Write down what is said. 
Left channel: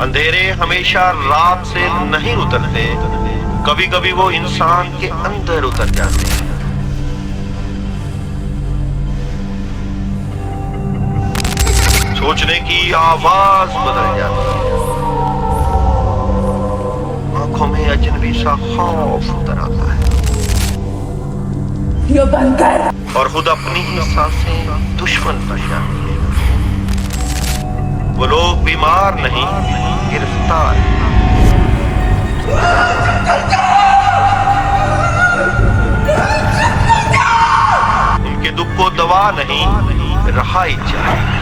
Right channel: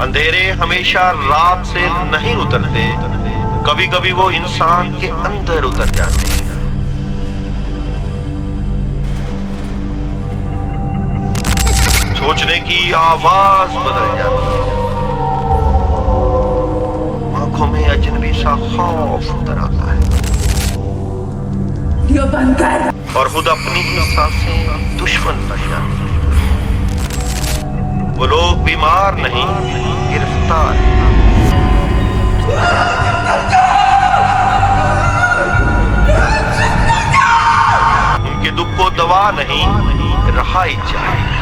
अंधेरे हमेशा रात से नहीं उतरते, कभी कभी वो इंसान के अंदर उतर जाते हैं। सोचने की आवाज बदल जाती है, आंखों में अजनबी सा खौफ उतर आता है, ये बंद कर। और खुद अपनी ही सांसें दुश्मन बन जाती है। वो लोग बीमार नहीं, गिरफ्तार हैं। उनके दुख को दवा नहीं, रहाई चाहिए।